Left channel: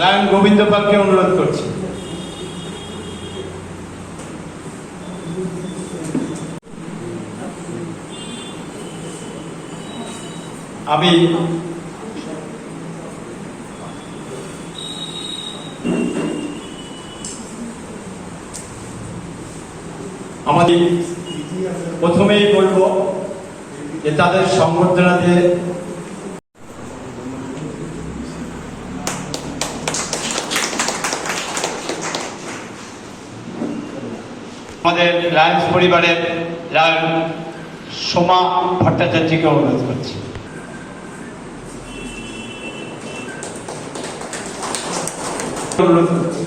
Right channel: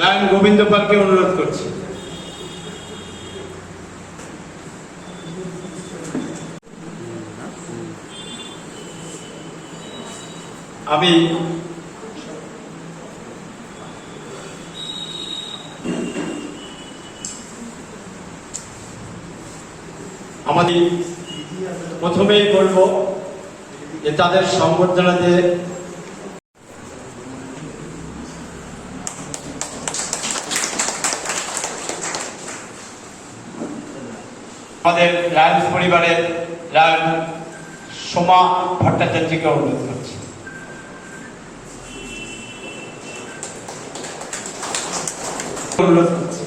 Lion Govinda পালকে অনুরোধ করছি। আমি আমাদের প্রথমেই বলব যে তাদের সংবর্ধনা দিয়ে আমাদের লায়ন্স পরিবারের লায়ন সোমা ভট্টাচার্যকে অনুরোধ করছি। অনুরোধ করছি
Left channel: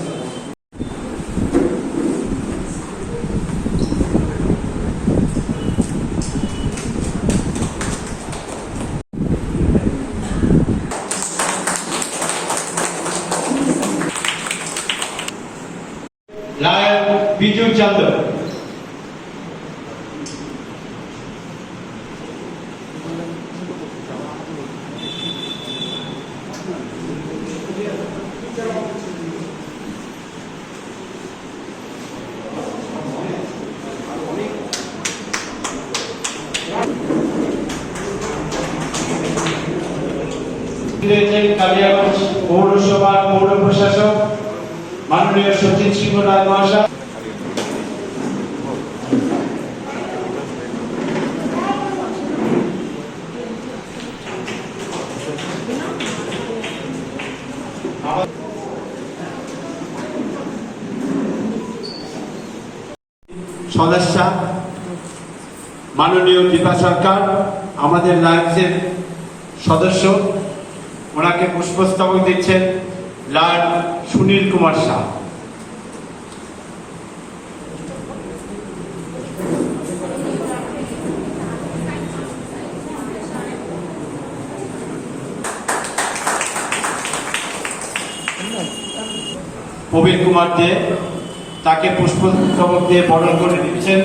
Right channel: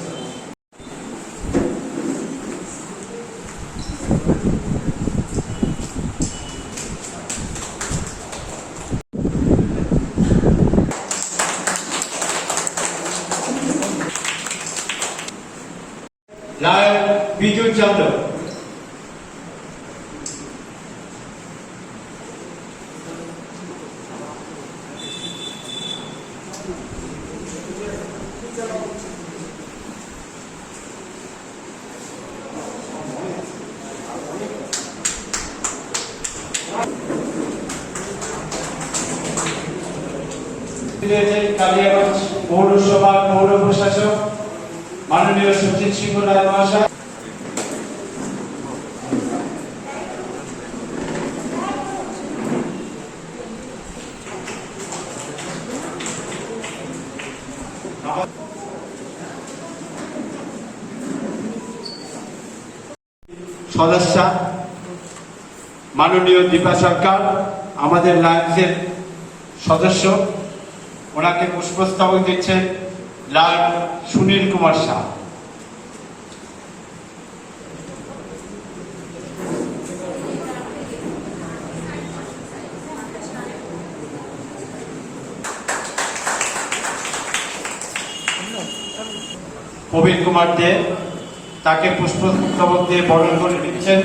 লায়ন বিজু চন্দ্র। কালিয়াগঞ্জ পৌরসভার পৌর প্রশাসক মাননীয় সচিন সিংহ রায় মহাশয়, সদস্যা মাননীয় দীপা সরকার, আমাদের লায়ন্সের সদস্য, ওনাকে পুষ্পস্তবক দিচ্ছেন লায়ন সুনীল কুমার শাহ। প্রবীণ কুমার দে, তাকে পুষ্পস্তবক দিয়ে বরণ করে দিচ্ছেন।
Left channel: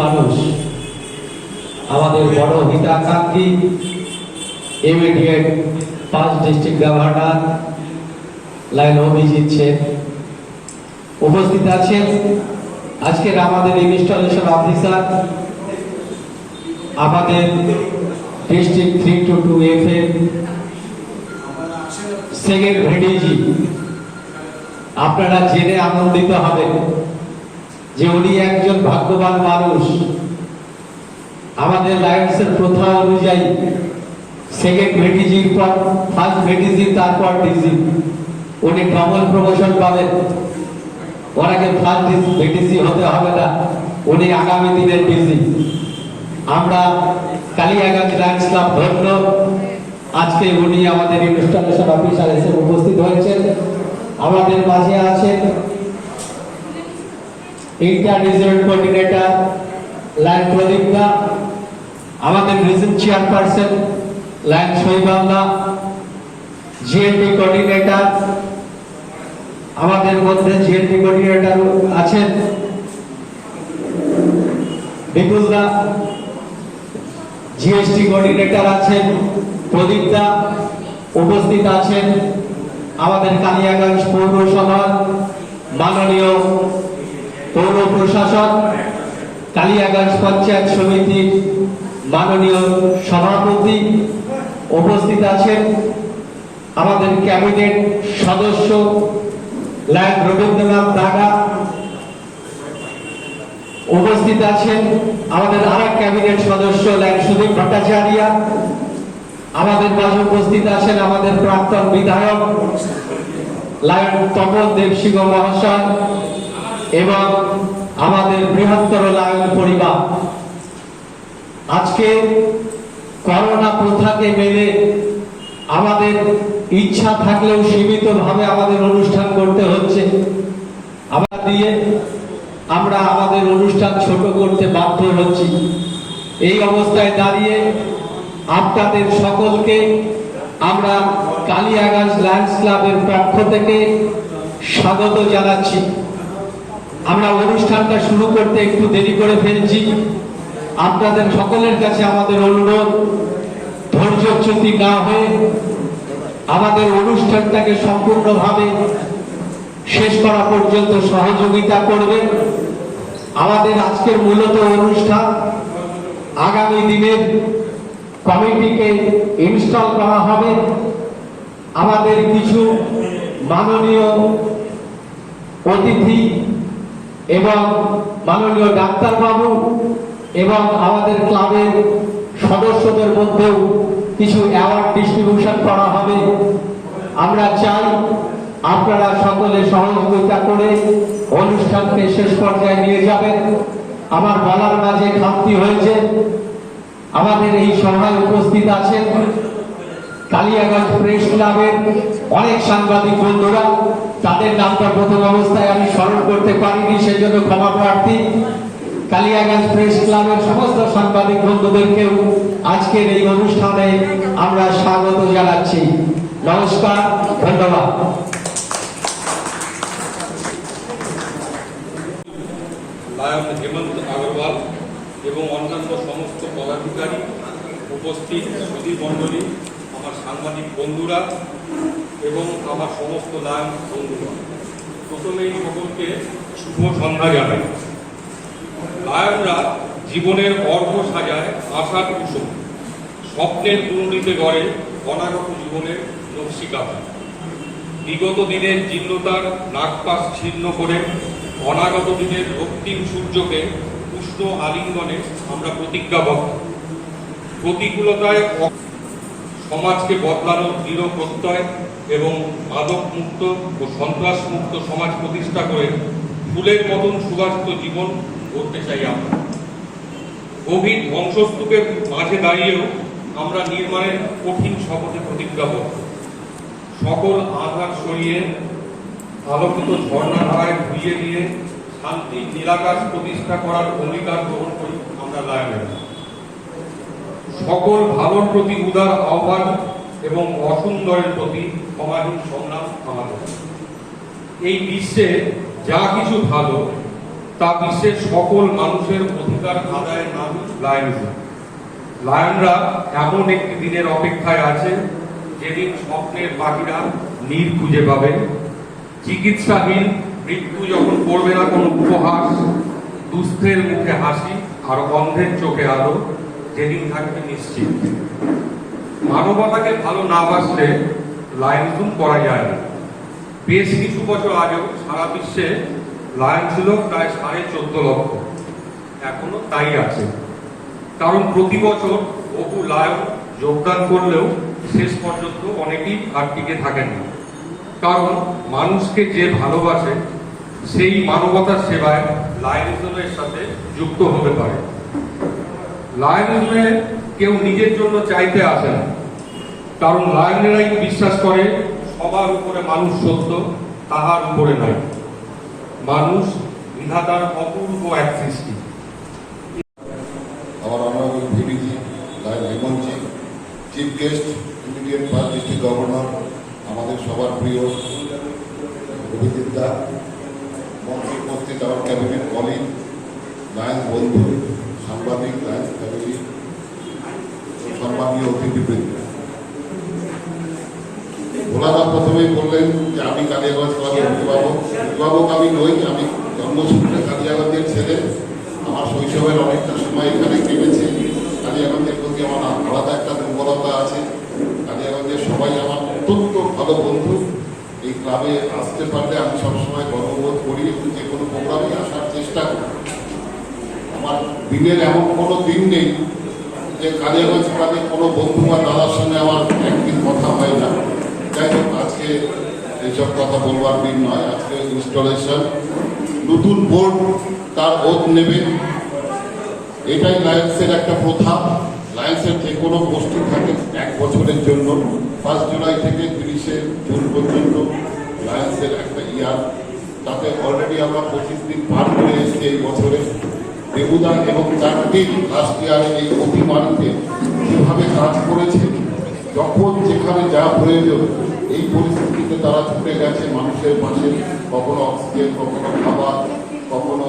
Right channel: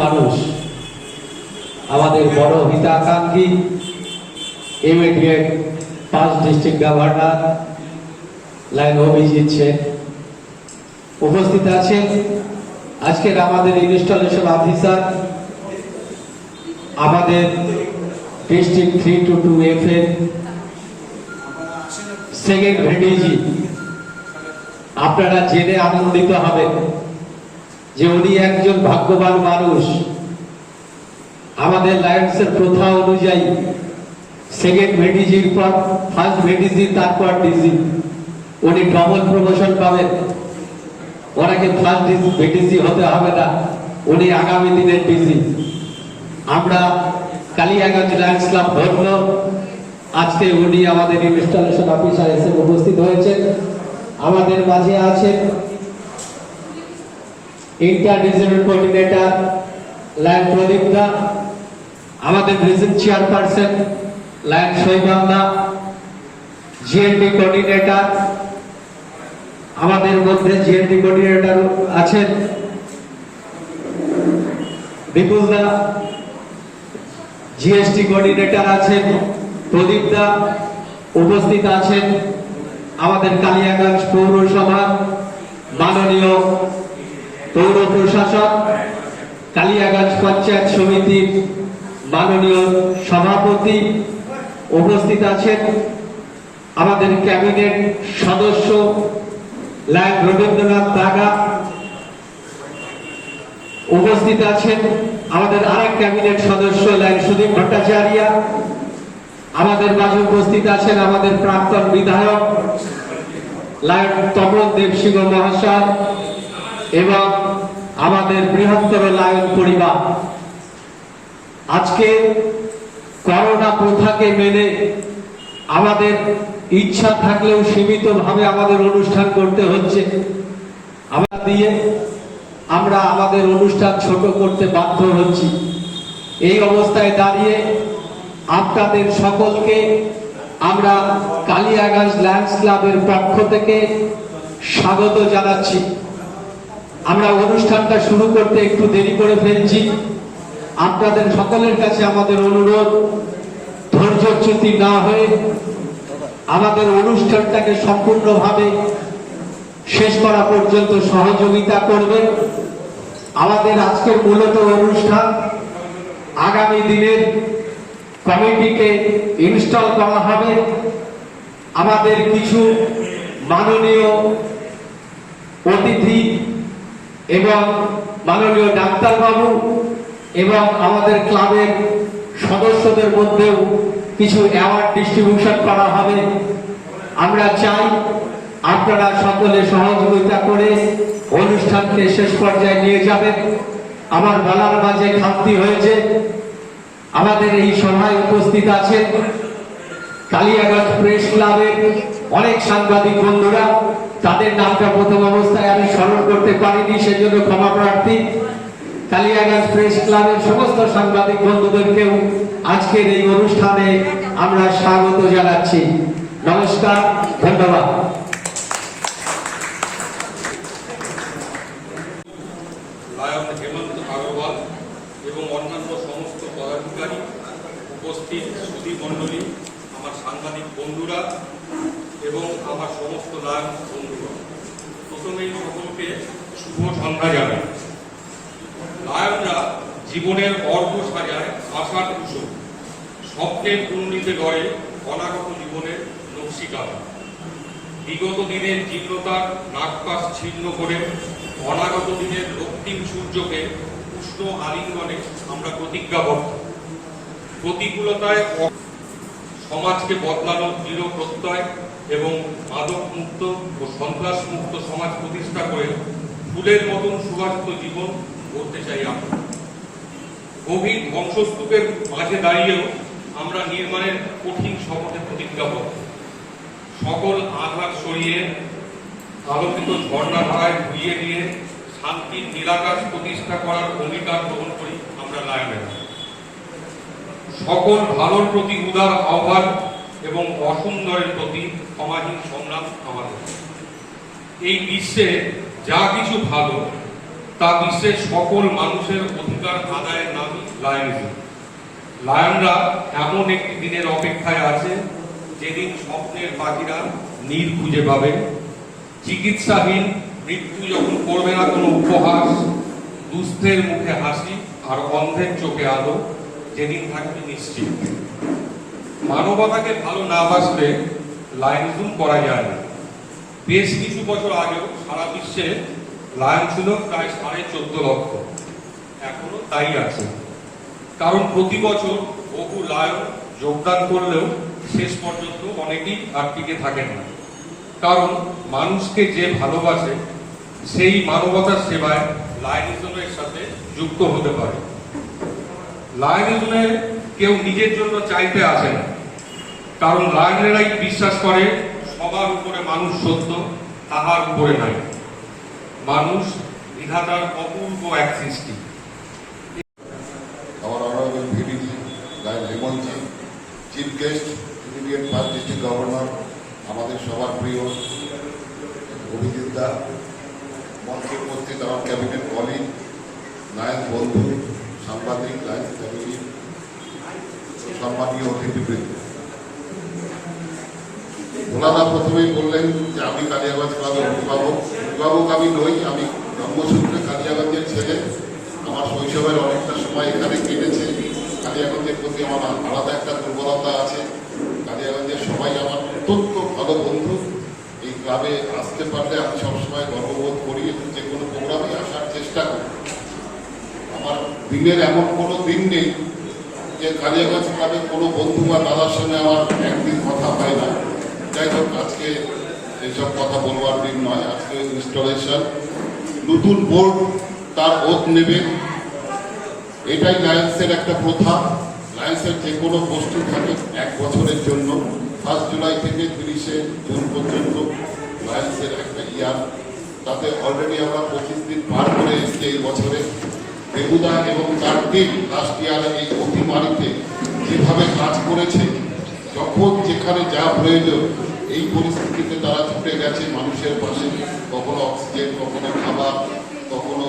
মানুষ আমাদের বড় হিতাকাঙ্ক্ষী immediate 5 district governor Lion Abhijit Sen উপস্থিত আছেন। আজকের আমাদের ইনস্টলেশন অফিসার, আমাদের ডিস্ট্রিক্ট 322 এফ সেকেন্ড ভিডিজি, আপনারা জেনে আনন্দিত হবেন যে উনি একজন ভাগ্যবান মানুষ। আমাদের লায়ন্সের প্রথা অনুযায়ী সেকেন্ড ভিডিজির পর ফার্স্ট ভিডিজি, তারপর ডিজি, উনি ডবল প্রমোশন পাবেন। ওনাকে ফার্স্ট ভিডিজি হতে হবে না, উনি আগামী দিনের ডিজি। আমরা কালিয়াগঞ্জ লায়ন্স ক্লাব ধন্য আজকে উনি আমাদের ইনস্টলেশন অফিসার হিসেবে উপস্থিত হয়েছেন। আমাদের মাঝে আছেন inter regional coordinator Lion Pradip দা, আমাদের region chairperson Lion Shaibangla, GLD coordinator, আমাদের মধ্যে জিএলডি কোঅর্ডিনেটর আছেন বিপুল দা, জিএসটি কোঅর্ডিনেটর আছেন প্রদীপ দা, উপস্থিত আছেন আমাদের কালিয়াগঞ্জ পৌরসভার মাননীয় পৌর প্রশাসক, কালিয়াগঞ্জ পঞ্চায়েত সমিতির মাননীয় সভাপতি, উপস্থিত আছেন আমাদের ক্যাবিনেট সদস্য লায়ন রবীন্দ্রনাথ দাগা, উপস্থিত আছেন আমাদের আরেক ক্যাবিনেট সদস্য লায়ন সুদীপ ভট্টাচার্য, আমাদের মাঝে উপস্থিত আছেন আমাদের প্রাক্তন বিধায়ক লায়ন তপন দেবসিংহ মহাশয় এবং আমাদের বৃহত্তর লায়ন পরিবার। আজকে করোনা প্রথাকে মেনে আমাদের ইচ্ছা থাকলেও সীমিতভাবে আমাদের অনুষ্ঠান করতে হচ্ছে। আমরা আমাদের অনুষ্ঠান ছোট করতে বাধ্য হচ্ছি। এই অবস্থায় দাঁড়িয়ে আপনাদের সকলকে আমরা কালিয়াগঞ্জ লায়ন্স ক্লাবের পক্ষ থেকে স্বাগত জানাচ্ছি। আমরা অনুষ্ঠানটা শুরু করতে একটু দেরি করে ফেলছি। আপনাদের সকলের কাছে আমাদের অনুরোধ, ধৈর্যচ্যুতি না হয়ে আমাদের অনুষ্ঠানটাকে সম্পূর্ণভাবে শেষ করা পর্যন্ত সহযোগিতা করবে। আমাদের আজকের মূলত অনুষ্ঠান আগামী দিনের কমিটিকে ইনস্টল করা হবে। আমাদের কিছু মাননীয় অতিথি এবং মাননীয় ডাক্তারবাবু এবং আমাদের ক্লাবের সদস্যদের মধ্যেও কিছু অ্যাওয়ার্ড ডিস্ট্রিবিউশন করা হবে। আমরা চাই আপনারা সকলে সহযোগিতা করে অনুষ্ঠানকে শেষ পর্যায়ে নিয়ে যাবেন। আমার বলার মাঝে খামতি হয়েছে। আমাদের এই সভায় উপস্থিত আছেন কালিয়াগঞ্জ প্রেস ক্লাবের অনেক সাংবাদিক বন্ধুরা। তাদের নামটা প্রথম অবস্থায় আমি স্মরণ করতে পারিনি, সেজন্য ক্ষমা প্রার্থী। কালিয়াগঞ্জ প্রেস ক্লাবের সমস্ত সাংবাদিক বন্ধুদেরকেও আজকের এই অনুষ্ঠানে আমরা স্বাগত জানাচ্ছি। নমস্কার, ধন্যবাদ। লায়ন হেমন্ত আগরওয়াল এবং অন্যান্য সমস্ত পদাধিকারী, উপস্থিত সুধী মণ্ডলী, আমার সাংবাদিক বন্ধুরা এবং আমার সমস্ত লায়ন বন্ধুরা, প্রথমেই সকলকে শুভ সন্ধ্যা জানাই। লায়নরা জীবনের অর্ঘ সাজায় আশার কুসুম, স্বপ্নের কুণ্ডলিতে গড়ে অনাগত জীবনের নকশিকা। বিগত দিনের জীর্ণতার নাগপাশ ছিন্ন করে অনাগত দিনের রক্তিম সূর্যকে উষ্ণ আলিঙ্গনে আমরা প্রতিজ্ঞাবদ্ধ। প্রতিকূলতায় সমাজকে বদলানোর দৃঢ় প্রত্যয় এবং মাদক মুক্ত ও সন্ত্রাস মুক্ত সমাজ প্রতিষ্ঠা করে ফুলের মতন সুবাসিত জীবন করতে চাই আমরা। গভীর ধ্বংসস্তূপের মাঝে দাঁড়িয়েও আমরা নির্মাণের কঠিন শপথে প্রতিজ্ঞাবদ্ধ। সকল আঘাত সরিয়ে আলোকিত ঝর্ণাধারায় ধুইয়ে নিয়ে শান্তির নিরাকাশ প্রতিষ্ঠা করার অঙ্গীকার গ্রহণ করি আমরা লায়নের। সকল ভালোর প্রতি উদার আহ্বান এবং অসুন্দরের প্রতি ক্ষমাহীন সংগ্রাম আমাদের। এই বিশ্বে যা কিছু ভালো তা বিশ্বের সকল মানুষের অধিকার আদায়ের নামই লায়নিজম। লায়নরা এমন একটি দিনের অপেক্ষায় আছে যেদিন স্বপ্নের পাখিরা নীড় খুঁজে পাবে, চিকিৎসাহীন মৃত্যু যখন করবে না কোনো উপহাস, দুস্থের মুখে হাসি আর অন্ধের চোখে আলো, যেদিন থাকবে নিশ্চিত। মানবতাকে ভালো না বাসলে লায়নিজম করা যায় না। বেশ কিছু বছর আগেও সারা বিশ্বে লায়ন ছিল প্রায় 14.5 লক্ষ, এখনো তাই আছে। কারণ প্রতি বছর বহু লায়ন যোগদান করলেও শেষ পর্যন্ত অনেকেই আর টিকে থাকেন না। কারণ মানুষকে যে ভালোবাসে সেই মানবতার সেবায় লায়নিজমের সাথে যুক্ত হতে পারে। লায়নিজমে কেউ নিজের জন্য চাইতে আসে না, কারণ লায়নেরাই বিশ্বাস করে সবার উপরে মানুষ সত্য, তাহার উপরে নয়। মানুষ বিধাতার অপূর্ব এক সৃষ্টি। our honorable VDG, Lion Hemonji, Chief Guest, Immediate First District Governor, আমাদের সবার প্রিয় অভিজিৎ দা, মঞ্চে উপস্থিত আমার ক্যাবিনেট কলিগ, লায়ন বন্ধু, সাংবাদিক, লায়ন ফ্যামিলি, সম্মানীয় অতিথিবৃন্দ। ভোলাদা প্রথমেই বললেন যে আমি কালিয়াগঞ্জ ক্লাবের অভিভাবক। অভিভাবক আমি নই, আমি জন্মসূত্রে কালিয়াগঞ্জের ছেলে। আমার শৈশবের অনেকটা সময় এখানে কেটেছে। কালিয়াগঞ্জের প্রতি আমার আলাদা একটা দুর্বলতা আছে। কালিয়াগঞ্জের সবাই আমার অত্যন্ত ভালো বন্ধু। এই ক্লাবে আসতে পারলে আমি সবসময় গর্ববোধ করি এবং যে কোনো প্রোগ্রামে আসার চেষ্টা করি। আমার দিনের এমন কোনো দিন নেই যে কালিয়াগঞ্জ ক্লাবের কোনো বন্ধু বা দাদার সঙ্গে আমার একদিন কথা হয় না। যাই হোক, আজকে এইসব কথা বলবার দিন নয়। আজকে ইনস্টলেশন, নতুন বোর্ড তার ওত নেবে, এটাই লায়ন্সের একটা প্রথা। লায়ন্সের যে কোনো বস্তু থাকে 1 বছরের জন্য, 1 জুলাই থেকে 30 জুন পর্যন্ত লায়ন্সের একটা ইয়ার। তাতে অলরেডি আমরা 25 দিন পার করে এসেছি এই বছরে। দেবুদা এবং তার টিম লাস্ট ইয়ারে এই অতিমারিতে যেভাবে কাজ করেছে, যখন যেখানে যা প্রয়োজন এই পরিস্থিতিতে তারা ছুটে গেছে মানুষের পাশে। কখনো অক্সিজেন, কখনো খাবার, কখনো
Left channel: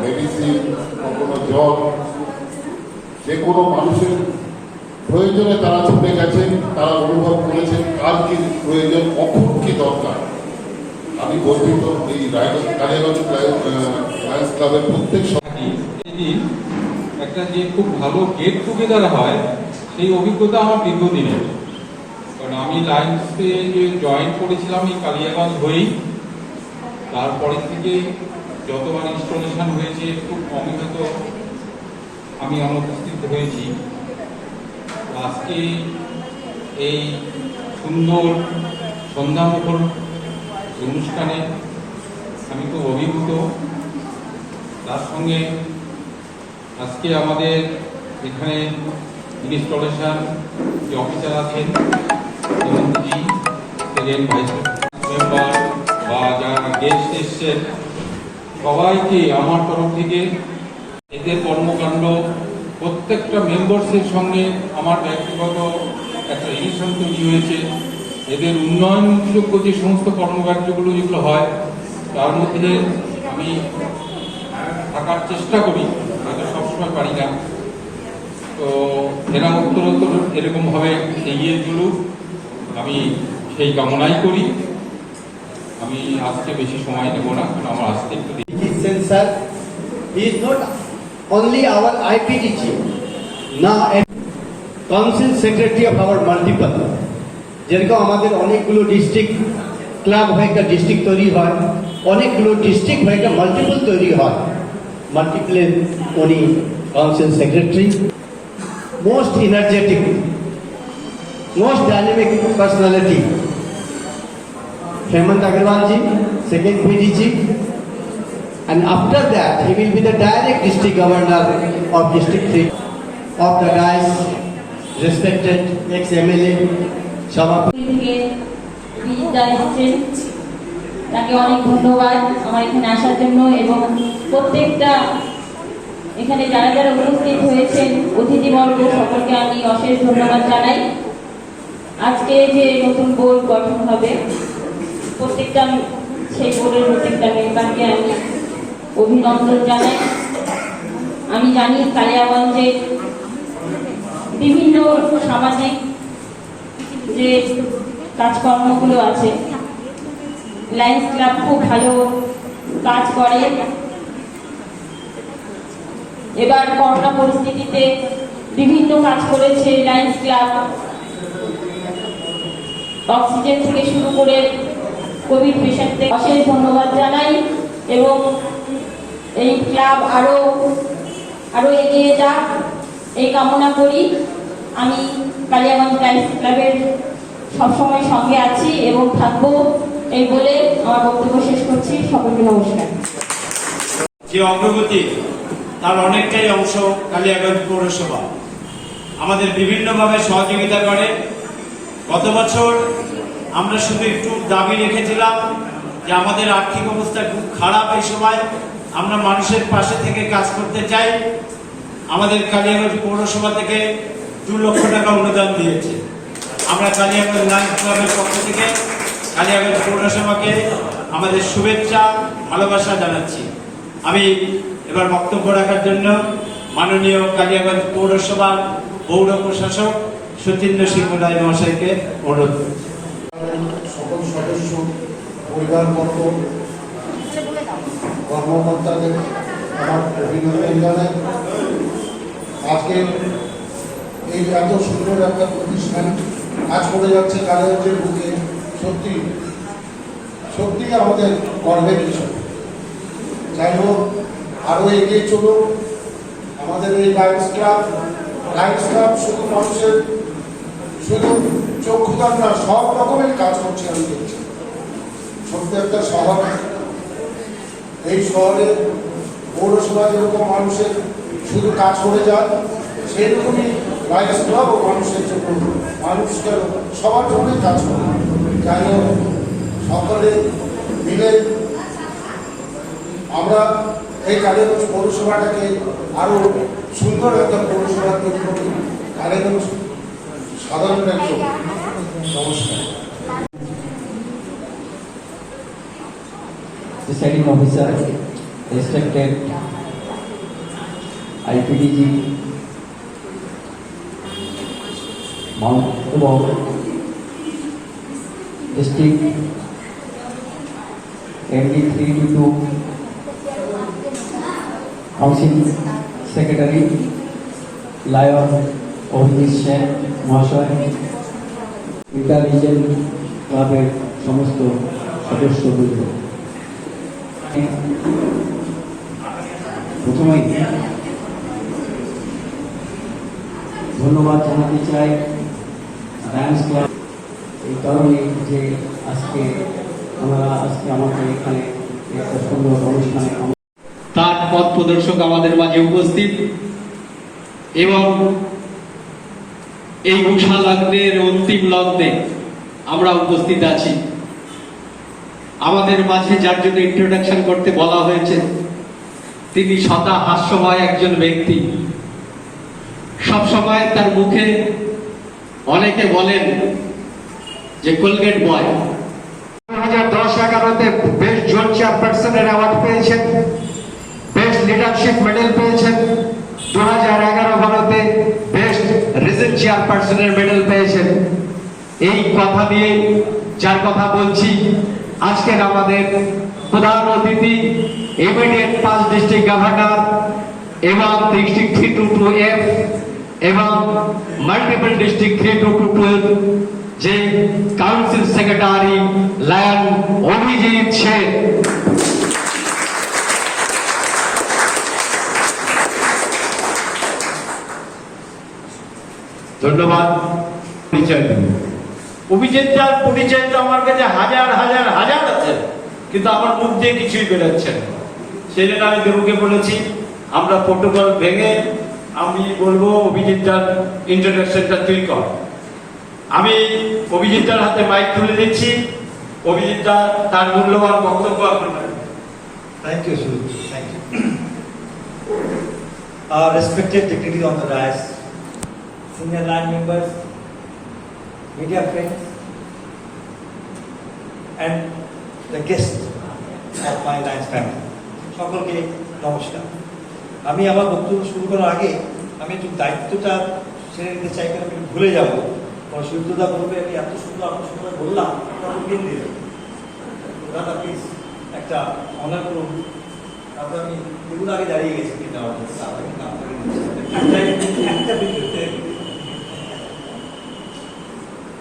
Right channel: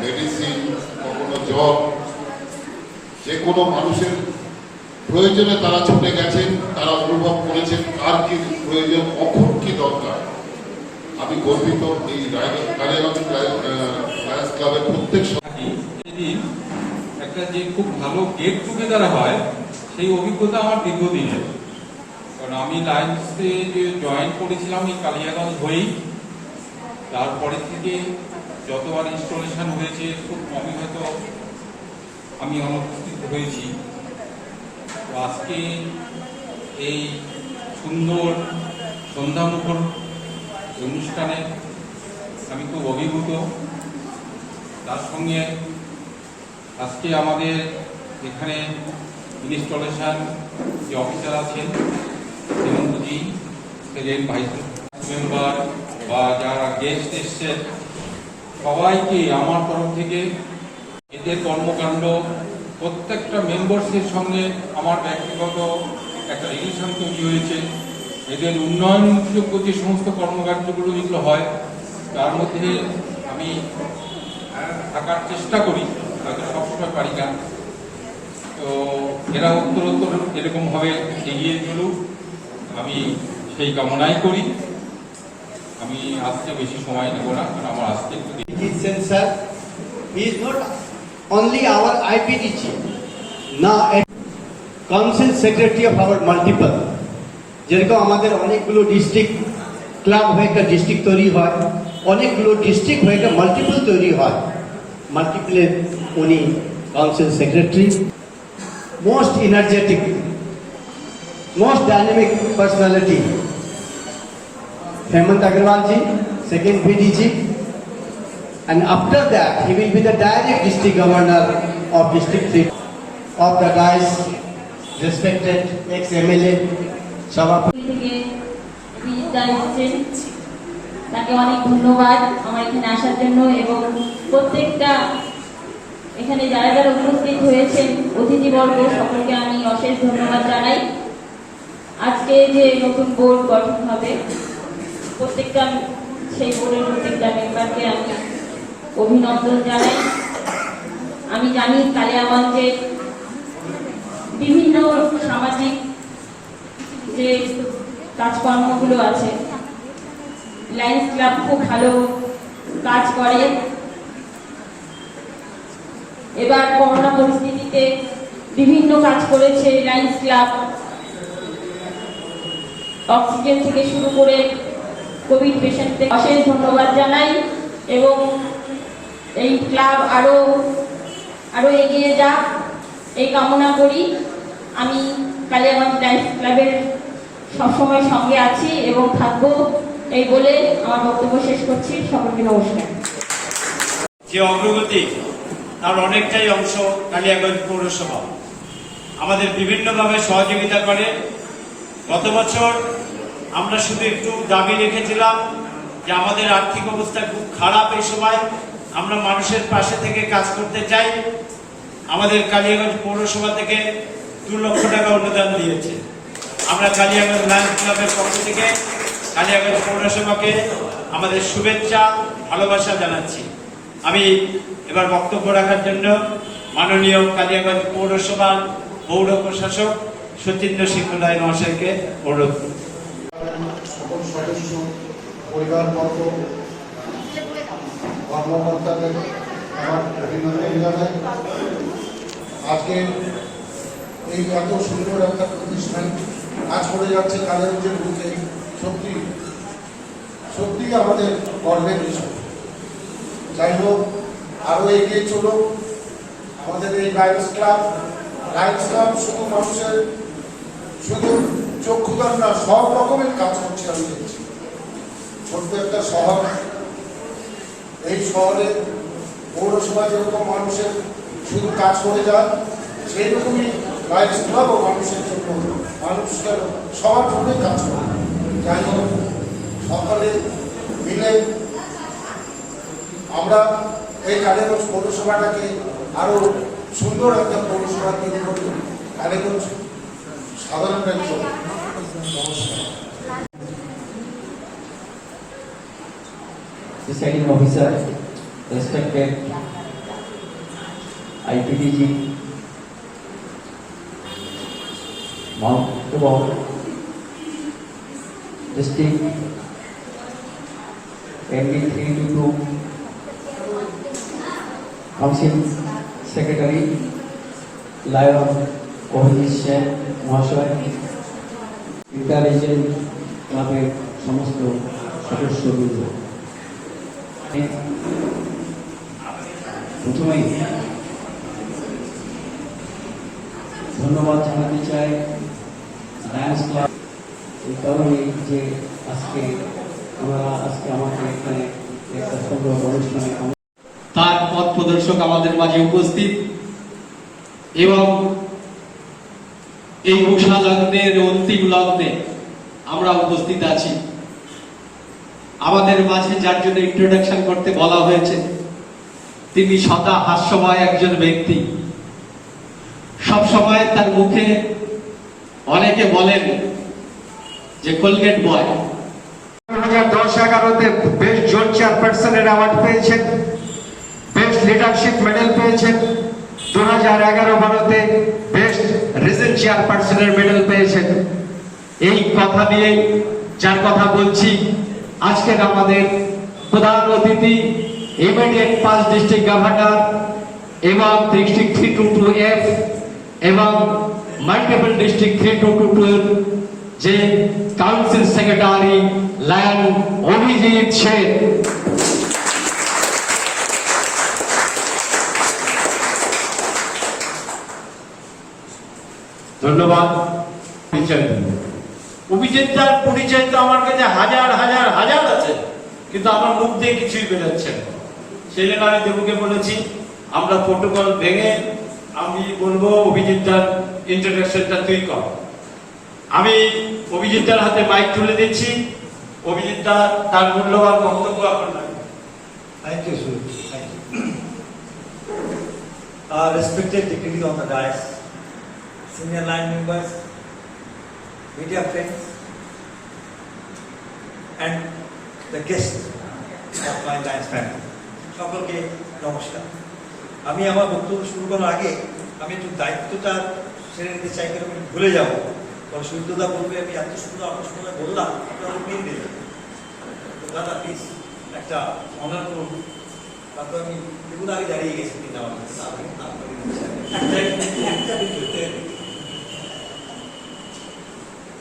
মেডিসিন, কখনো জল, যে কোনো মানুষের প্রয়োজনে তারা ছুটে গেছেন, তারা অনুভব করেছেন কার কি প্রয়োজন, কখন কি দরকার। আমি গর্বিত এই কালিয়াগঞ্জ লায়ন্স ক্লাবের প্রত্যেক থাকি। সেদিন একটা যে খুব ভালো গেট টুগেদার হয়, সেই অভিজ্ঞতা আমার দীর্ঘদিনের। কারণ আমি লায়ন্সে যে জয়েন করেছিলাম এই কালিয়াগঞ্জ হয়েই, তারপরে থেকে যতবার ইনস্টলেশন হয়েছে খুব কমই হয়তো আমি অনুপস্থিত হয়েছি। আজকে এই সুন্দর সন্ধ্যামুখর অনুষ্ঠানে আমি খুব অভিভূত। তার সঙ্গে আজকে আমাদের এখানে ইনস্টলেশন যে অফিসার আছেন শ্রীমন্তী, সেকেন্ড ভাইস মেম্বার বা যারা গেস্ট এসছেন, সবাইকে আমার তরফ থেকে এদের কর্মকাণ্ড প্রত্যেকটা মেম্বার্সের সঙ্গে আমার ব্যক্তিগত একটা রিলেশন তৈরি হয়েছে। এদের উন্নয়নযোগ্য যে সমস্ত কর্মকাণ্ডগুলো যেগুলো হয় তার মধ্যে আমি থাকার চেষ্টা করি, হয়তো সবসময় পারি না। তো এরা উত্তরোত্তর এরকমভাবে এগিয়ে চলুক, আমি সেই কামনাই করি। আমি আজকে বেশি সময় নেব না, কারণ আমার আজকে একটু His sensor is not only our IPDG, now a council secretary of our multiple. যেরকম আমাদের অনেকগুলো ডিস্ট্রিক্ট ক্লাব হয়ে একটা ডিস্ট্রিক্ট তৈরি হয়, অনেকগুলো ডিস্ট্রিক্ট হয়ে একটা মাল্টিপল তৈরি হয়। মাল্টিপলের উনি council secretary, most energetic, most dynamic personality Hemant Agarwal ji, second VDG, and after that he will be the direct district governor of District 3 of the guys, respected ex-MLA, Sabapati. থেকে বিদ্যা এসেছেন, তাকে অনেক ধন্যবাদ আমার এখানে আসার জন্য, এবং প্রত্যেকটা এখানে যারা যারা উপস্থিত হয়েছেন অতিথিবর্গ সকলকে আমি অশেষ ধন্যবাদ জানাই। আজকে যে নতুন বোর্ড গঠন হবে, প্রত্যেকটা সেই বোর্ডের প্রত্যেকটা মেম্বারকে আমি অভিনন্দন জানাই। আমি জানি কালিয়াগঞ্জের বিভিন্ন সামাজিক যে কাজকর্মগুলো আছে, লায়ন্স ক্লাব খুব ভালো কাজ করে। এবার করোনা পরিস্থিতিতে বিভিন্ন কাজ করেছে লায়ন্স ক্লাব, অক্সিজেন থেকে শুরু করে কোভিড পেশেন্টদের অশেষ ধন্যবাদ জানাই, এবং এই ক্লাব আরো এগিয়ে যাক এই কামনা করি। আমি কালিয়াগঞ্জ লায়ন্স ক্লাবের সবসময় সঙ্গে আছি এবং থাকবো, এই বলে আমার বক্তব্য শেষ করছি। সকলকে নমস্কার। যে অগ্রগতি তার অনেকটাই অংশ কালিয়াগঞ্জ পৌরসভা আমাদের বিভিন্নভাবে সহযোগিতা করে। গত বছর আমরা শুধু একটু দাবি রেখেছিলাম যে আমাদের আর্থিক অবস্থা খুব খারাপ, এই সময় আমরা মানুষের পাশে থেকে কাজ করতে চাই। আমাদের কালিয়াগঞ্জ পৌরসভা থেকে 2 লক্ষ টাকা অনুদান দিয়েছে। আমরা কালিয়াগঞ্জ লায়ন্স ক্লাবের পক্ষ থেকে কালিয়াগঞ্জ পৌরসভাকে আমাদের শুভেচ্ছা ভালোবাসা জানাচ্ছি। আমি এবার বক্তব্য রাখার জন্য মাননীয় কালিয়াগঞ্জ পৌরসভার পৌর প্রশাসক সচিন্দ্র সিংহ রায় মহাশয়কে অনুরোধ করি। সকল সদস্য, পরিবারবর্গ, কর্মকর্তাদের আমার অভিনন্দন জানাই। আজকে এই এত সুন্দর একটা প্রতিষ্ঠান কাজ করে যাচ্ছে কালিয়াগঞ্জের বুকে, সত্যি আমাদের গর্বের বিষয়। যাই হোক, আরো এগিয়ে চলুক আমাদের এই লায়ন্স ক্লাব। শুধু মানুষের শুধু চক্ষুদান না, সব রকমের কাজ করছে। আমি দেখছি ছোট্ট একটা শহর, এই শহরে পৌরসভা যেরকম মানুষের শুধু কাজ করে যায়, সেই রকমই লায়ন্স ক্লাবও মানুষের জন্য, মানুষকে সবার জন্যই কাজ করে। যাই হোক, সকলে মিলে আমরা এই কালিয়াগঞ্জ পৌরসভাটাকে আরো সুন্দর একটা পৌরসভা তৈরি করি। কালিয়াগঞ্জ সাধারণ একজন নমস্কার। Presiding officer, respected IPDG, এবং district MD 322 council secretary lion Abhijit Sen মহাশয়, ইন্টালিজেন্ট ক্লাবের সমস্ত সদস্যবৃন্দ, প্রথমেই ধন্যবাদ জানাতে চাই লায়ন্স ক্লাব এই কারণে যে আজকে আমাকে এখানে একটা সুন্দর অনুষ্ঠানে তার পথ প্রদর্শক আমাদের মাঝে উপস্থিত এবং এই উষা লগ্নের অন্তিম লগ্নে আমরা উপস্থিত আছি। আমাদের মাঝে যার জন্য ইন্ট্রোডাকশন করতে বলা হয়েছে তিনি সদা হাস্যময় একজন ব্যক্তি। সবসময় তার মুখে অনেকে বলেন যে কোলগেট বয়। 2010-11-তে বেস্ট জোন চেয়ারপারসনের অ্যাওয়ার্ড পেয়েছেন, বেস্ট লিডারশিপ মেডেল পেয়েছেন। 2011-12-তে বেস্ট রিজন চেয়ারপারসনের মেডেল পেয়েছেন। এই কথা নিয়ে যার কথা বলছি, আজকের আমাদের প্রধান অতিথি ইমিডিয়েট 5 ডিস্ট্রিক্ট গভর্নর এবং ডিস্ট্রিক্ট 322F এবং মাল্টিপল ডিস্ট্রিক্ট 322 যে council secretary lion Abhijit Sen. ধন্যবাদ। অভিজিৎটার পরিচয় তো আমার কাছে হাজার হাজার হাজার আছে, কিন্তু আমার মুখ দিয়ে কিছুই বেরোচ্ছে না। সেই জন্য আমি দেবুকে বলেছি আমরা প্রোটোকল ভেঙে আমি বলবো অভিজিৎটার ইন্ট্রোডাকশনটা তুই কর। আমি অভিজিৎটার হাতে মাইক তুলে দিচ্ছি। অভিজিৎটা তার মূল্যবান বক্তব্য আপনার। Thank you, Sue. Thank you. Respected dignitaries on the dais, senior line members, media friends, and the guests of my Lions family. সকলকে নমস্কার। আমি আমার বক্তব্য শুরু করার আগে আমি একটু দায়িত্বটা ছেড়ে নিতে চাই, কারণ আমি ভুলে যাবো। কারণ সূর্যদা বলবে আমি এত সুন্দর বললাম, আমি দিন দিলাম। দাদা প্লিজ একটা অনার করুন। তারপর আমি এগুলো আগে দাঁড়িয়ে গেছি কিন্তু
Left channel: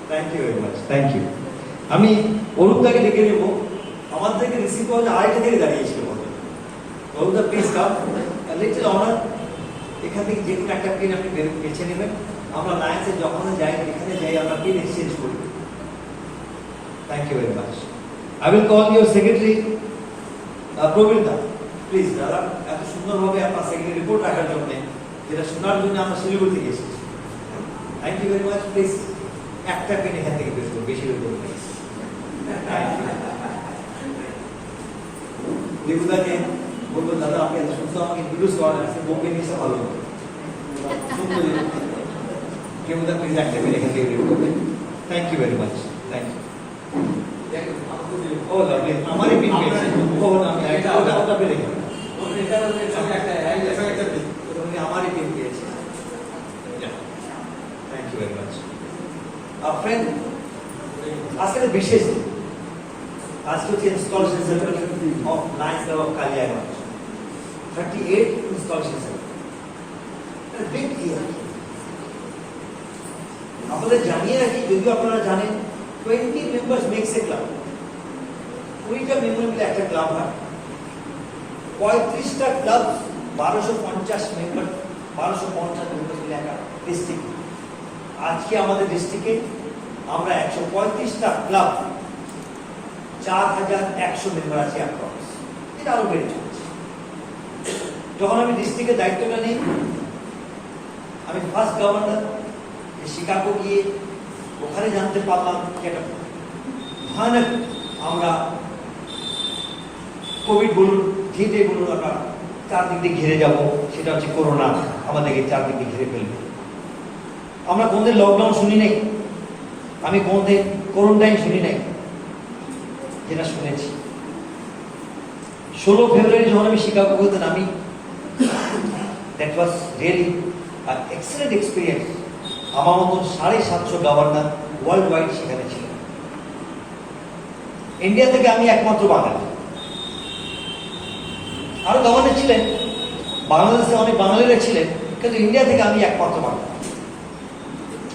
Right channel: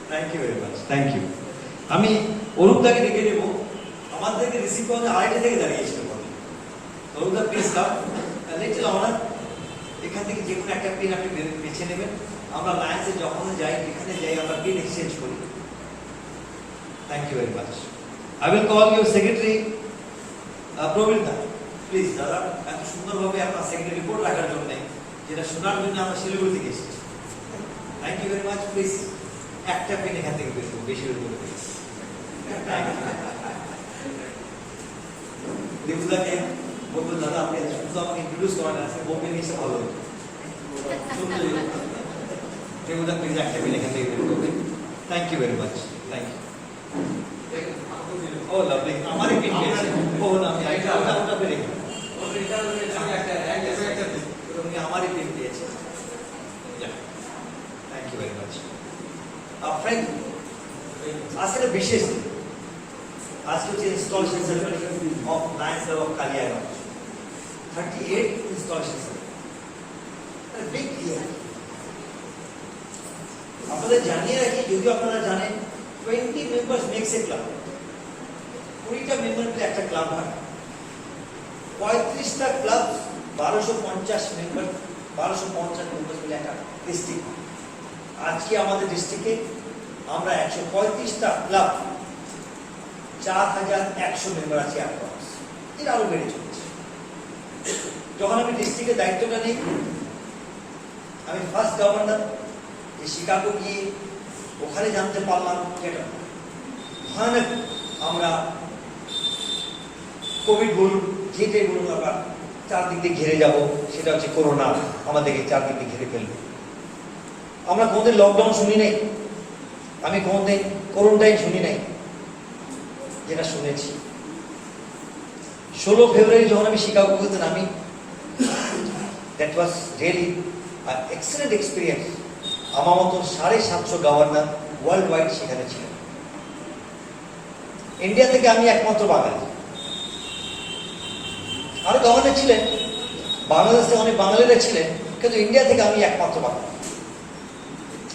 thank you very much, thank you. আমি অরূপদাকে ডেকে নেব। আমার থেকে রিসিভ করা আড়াইটা থেকে দাঁড়িয়েছিল। অরূপদা প্লিজ কাম, লিটল অনার। এখান থেকে যে কোনো একটা পেন আপনি বেছে নেবেন। আমরা লায়েন্সে যখন যাই, যেখানে যাই আমরা পেন এক্সচেঞ্জ করি। Thank you very much. I will call your secretary, Praveen da. Please, দাদা, এত সুন্দরভাবে আপনার সেক্রেটারি রিপোর্ট রাখার জন্য, যেটা শোনার জন্য আমরা শিলিগুড়ি থেকে এসেছি। Thank you very much. Please একটা পেন এখান থেকে বের করুন, বেশি বের করুন প্লিজ। দেবুদাকে বলবো দাদা আপনি এত সুন্দর আমাকে ইন্ট্রোডিউস করেন, আজকে বোম্বে নিয়ে এসে ভালো হতো। দেবুদা প্লিজ একটা পেন এখান থেকে বের করবেন। Thank you very much, thank you. Oh lovely, আমারই পিন পেয়েছে। ও না, আমি ওটা পেরে গেলাম। উনি আমারই পিন পেয়েছে। Thank you very much. Friend, আজকে বিশেষ দিন। আজকে হচ্ছে installation ceremony of Lions Club of Kaliyaganj. 38 installation ceremony. Big year. আপনাদের জানিয়ে রাখি, যদিও আপনারা জানেন 20 মেম্বার্স মেক্স এ ক্লাব। 20টা মেম্বার মিলে একটা ক্লাব হয়। 35টা ক্লাব, 1250 মেম্বার, 1250 মেম্বার মিলে একটা ডিস্ট্রিক্ট। আজকে আমাদের ডিস্ট্রিক্টে আমরা 135টা ক্লাব, 4100 মেম্বার আছে অ্যাপ্রক্স। এটা আরো বেড়ে চলছে। যখন আমি ডিস্ট্রিক্টের দায়িত্বটা নিই, আমি ফার্স্ট গভর্নর শিকাগো গিয়ে ওখানে জানতে পারলাম যেটা ভয়ানক, আমরা কোভিড বলুন, যেটাই বলুন, আমরা চারদিক দিয়ে ঘিরে যাব, সেটা হচ্ছে করোনা আমাদেরকে চারদিক দিয়ে ঘিরে ফেলবে। আমরা কোনদিন লকডাউন শুনি নাই, আমি কোনদিন কোয়ারেন্টাইন শুনি নাই। যেটা শুনেছি 16 ফেব্রুয়ারি যখন আমি শিকাগো গেতে নামি, that was really an excellent experience. আমার মতন 750 গভর্নর ওয়ার্ল্ড ওয়াইড সেখানে ছিলেন। ইন্ডিয়া থেকে আমি একমাত্র বাঙালি। আরো গভর্নর ছিলেন, বাংলাদেশে অনেক বাঙালিরা ছিলেন, কিন্তু ইন্ডিয়া থেকে আমি একমাত্র বাঙালি।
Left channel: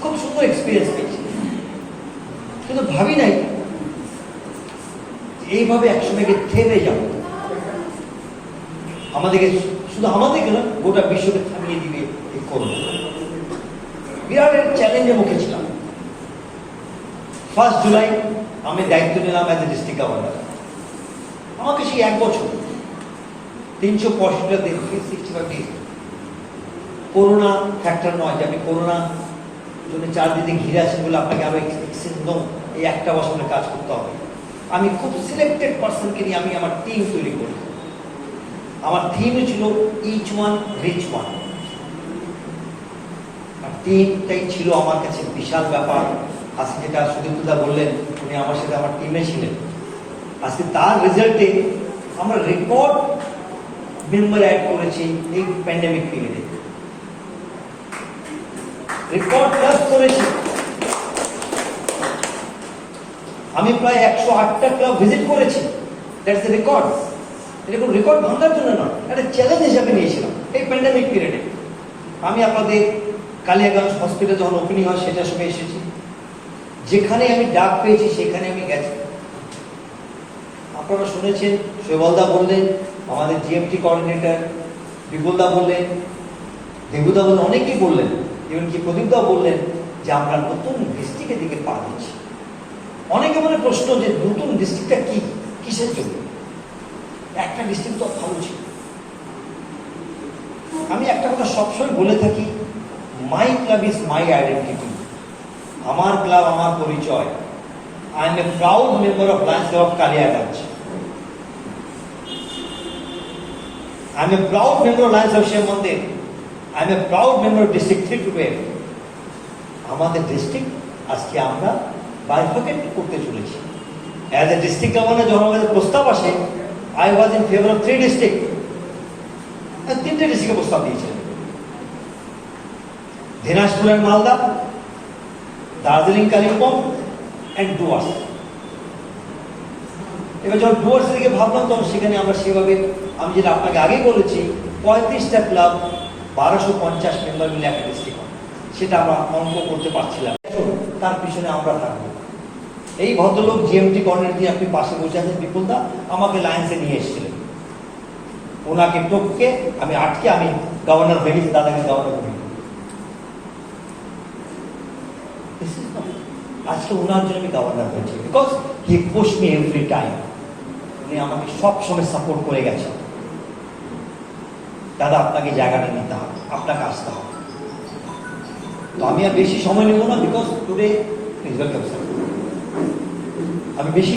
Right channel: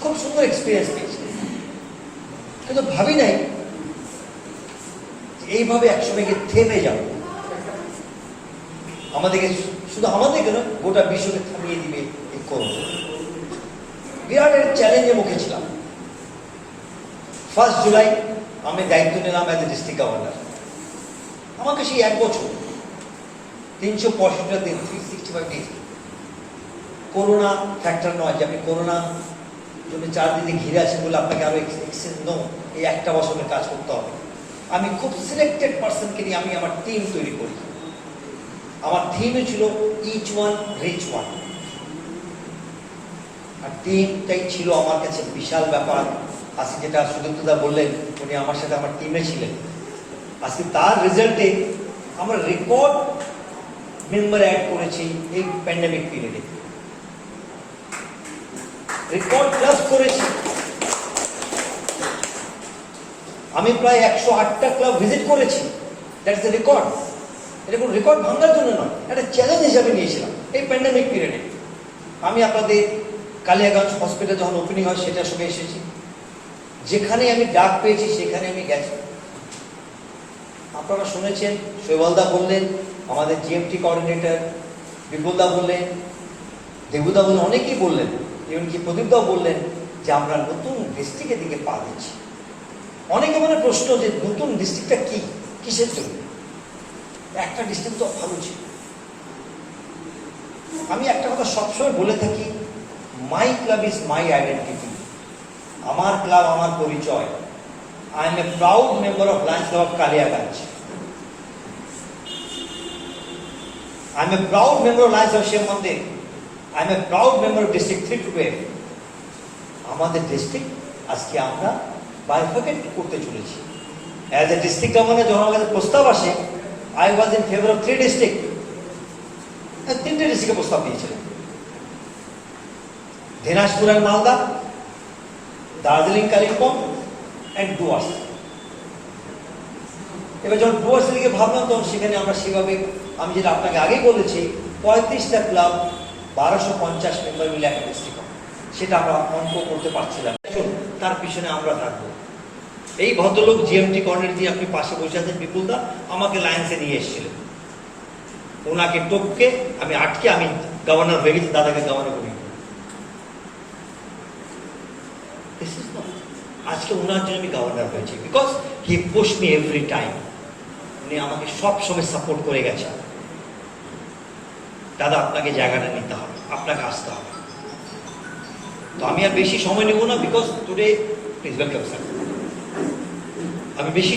খুব সুন্দর এক্সপিরিয়েন্স পেয়েছি, কিন্তু ভাবি নাই যে এইভাবে একসময় গিয়ে থেমে যাব, আমাদেরকে শুধু আমাদেরকে নয় গোটা বিশ্বকে থামিয়ে দিবে এই করোনা। বিরাট একটা চ্যালেঞ্জের মুখে ছিলাম। 1 জুলাই আমি দায়িত্ব নিলাম অ্যাজ এ ডিস্ট্রিক্ট গভর্নর। আমাকে সেই 1 বছর 365 দিন 365 ডেজ করোনা ফ্যাক্টর নয় যে আমি করোনা জন্য চারদিকে ঘিরে আছেন বলে আপনাকে আরো নো, এই একটা বছরের কাজ করতে হবে। আমি খুব সিলেক্টেড পার্সনকে নিয়ে আমি আমার টিম তৈরি করি। আমার থিমই ছিল ইচ ওয়ান রিচ ওয়ান। আর টিমটাই ছিল আমার কাছে বিশাল ব্যাপার। আজকে যেটা সুদীপ্তদা বললেন, উনি আমার সাথে আমার টিমে ছিলেন। আজকে তার রেজাল্টে আমরা রেকর্ড মেম্বার অ্যাড করেছি এই প্যান্ডেমিক পিরিয়ডে, রেকর্ড প্লাস করেছি। আমি প্রায় 108টা ক্লাব ভিজিট করেছি, দ্যাটস এ রেকর্ড। এটা কোনো রেকর্ড ভাঙার জন্য নয়, একটা চ্যালেঞ্জ হিসাবে নিয়েছিলাম এই প্যান্ডেমিক পিরিয়ডে। আমি আপনাদের কালিয়াগঞ্জ হসপিটাল যখন ওপেনিং হয় সেটার সঙ্গে এসেছি, যেখানে আমি ডাক পেয়েছি সেখানে আমি গেছি। আপনারা শুনেছেন, শৈবালদা বললেন, আমাদের জিএমটি কোঅর্ডিনেটর বিপুলদা বললেন, দেবুদা বললেন, অনেকেই বললেন, এমনকি প্রদীপদা বললেন যে আমরা নতুন ডিস্ট্রিক্টের দিকে পা দিচ্ছি। অনেকে মনে প্রশ্ন যে নতুন ডিস্ট্রিক্টটা কি, কিসের জন্য? একটা ডিস্ট্রিক্ট তো ভালো ছিল। আমি একটা কথা সবসময় বলে থাকি, my club is my identity. আমার ক্লাব আমার পরিচয়। I am a proud member of Lions Club of Kaliyaganj. I am a proud member of Lions of Shiv Mandir. I am a proud member of district 3 আমাদের ডিস্ট্রিক্ট আজকে আমরা bifurcate করতে চলেছি। As a district governor যখন আমাদের প্রস্তাব আসে, I was in favour of 3 district. 3টে ডিস্ট্রিক্টে প্রস্তাব দিয়েছিলেন, দিনাজপুর আর মালদা, দার্জিলিং কালিম্পং অ্যান্ড ডুয়ার্স। এবার যখন ডুয়ার্সের দিকে ভাবলাম তখন সেখানে আমরা সেভাবে, আমি যেটা আপনাকে আগে বলেছি, 35টা ক্লাব 1250 মেম্বার মিলে একটা ডিস্ট্রিক্ট, সেটা আমরা অঙ্ক করতে পারছিলাম। তার পিছনে আমরা থাকবো। এই ভদ্রলোক জিএমটি কর্নার দিয়ে আপনি পাশে বসে আছেন বিপুলদা, আমাকে লায়ন্সে নিয়ে এসেছিলেন। ওনাকে টপকে আমি আটকে আমি গভর্নর হয়ে গেছি, দাদাকে গভর্নর করি। আজকে ওনার জন্য আমি গভর্নর হয়েছি, because he push me every time. উনি আমাকে সব সময় সাপোর্ট করে গেছেন, দাদা আপনাকে জায়গাটা নিতে হবে, আপনাকে আসতে হবে। তো আমি আর বেশি সময় নেব না, because today please welcome sir. আমি বেশি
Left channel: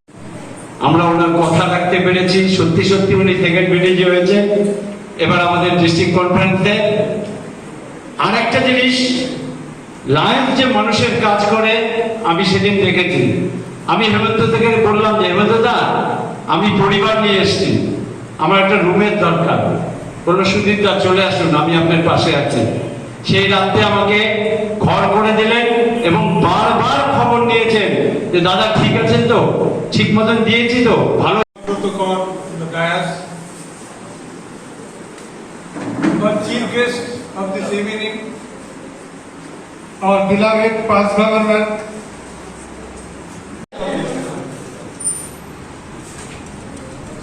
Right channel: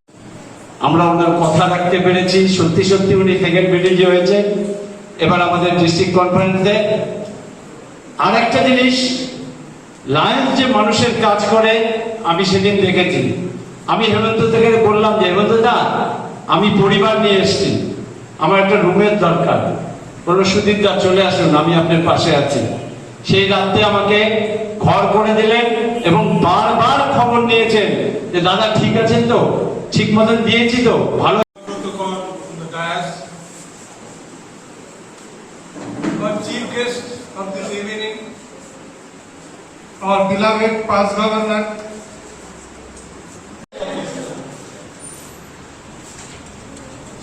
আমরা ওনার কথা রাখতে পেরেছি, সত্যি সত্যি উনি সেকেন্ড বিডিজি হয়েছে। এবার আমাদের ডিস্ট্রিক্ট কনফারেন্সে আরেকটা জিনিস, লায়ন্স যে মানুষের কাজ করে আমি সেদিন দেখেছি। আমি হেমন্ত থেকে বললাম যে হেমন্ত দা, আমি পরিবার নিয়ে এসেছি, আমার একটা রুমের দরকার, কোনো সুদীপ দা চলে আসুন, আমি আপনার পাশে আছি। সেই রাত্রে আমাকে ঘর করে দিলেন এবং বারবার খবর নিয়েছেন যে দাদা ঠিক আছেন তো, ঠিক মতন দিয়েছি তো, ভালো। Protocol in the dais. Our chief guest of this evening, our beloved past governor,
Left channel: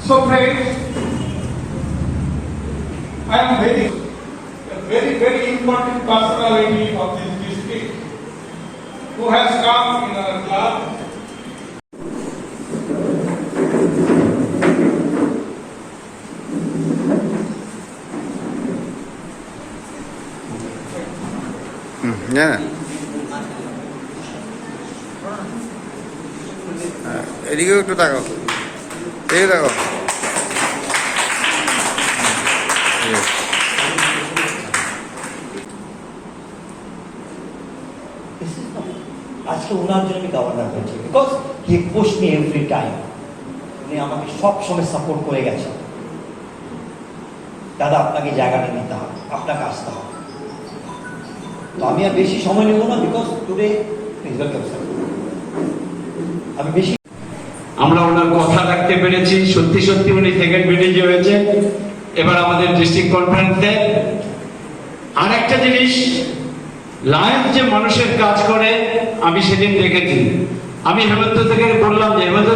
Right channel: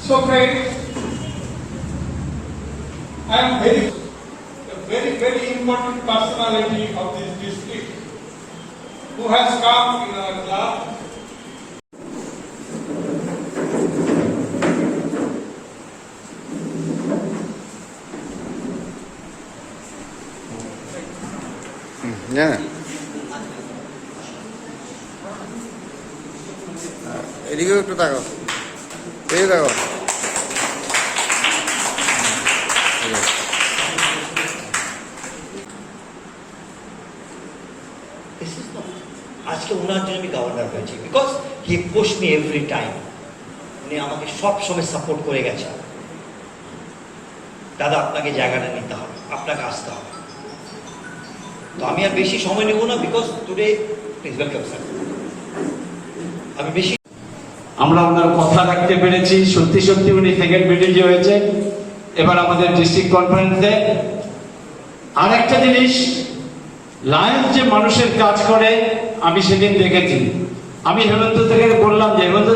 so friends, I am very important personality of this district who has come in our club. এদিকেও একটু তাকাও, এই দেখো। আজকে ওনার জন্য আমি গভর্নর হয়েছি, because he push me every time. উনি আমাকে সব সময় সাপোর্ট করে গেছেন, দাদা আপনাকে জায়গাটা নিতে হবে, আপনাকে আসতে হবে। তো তো আমি আর বেশি সময় নেব না, বিকজ টুডে প্রিন্সিপাল ক্যাপ্টেন আমি বেশি আমরা ওনার কথা রাখতে পেরেছি, সত্যি সত্যি উনি সেকেন্ড বিডিজি হয়েছে। এবার আমাদের ডিস্ট্রিক্ট কনফারেন্সে আরেকটা জিনিস, লায়ন্স যে মানুষের কাজ করে আমি সেদিন দেখেছি। আমি হেমন্ত থেকে বললাম যে হেমন্ত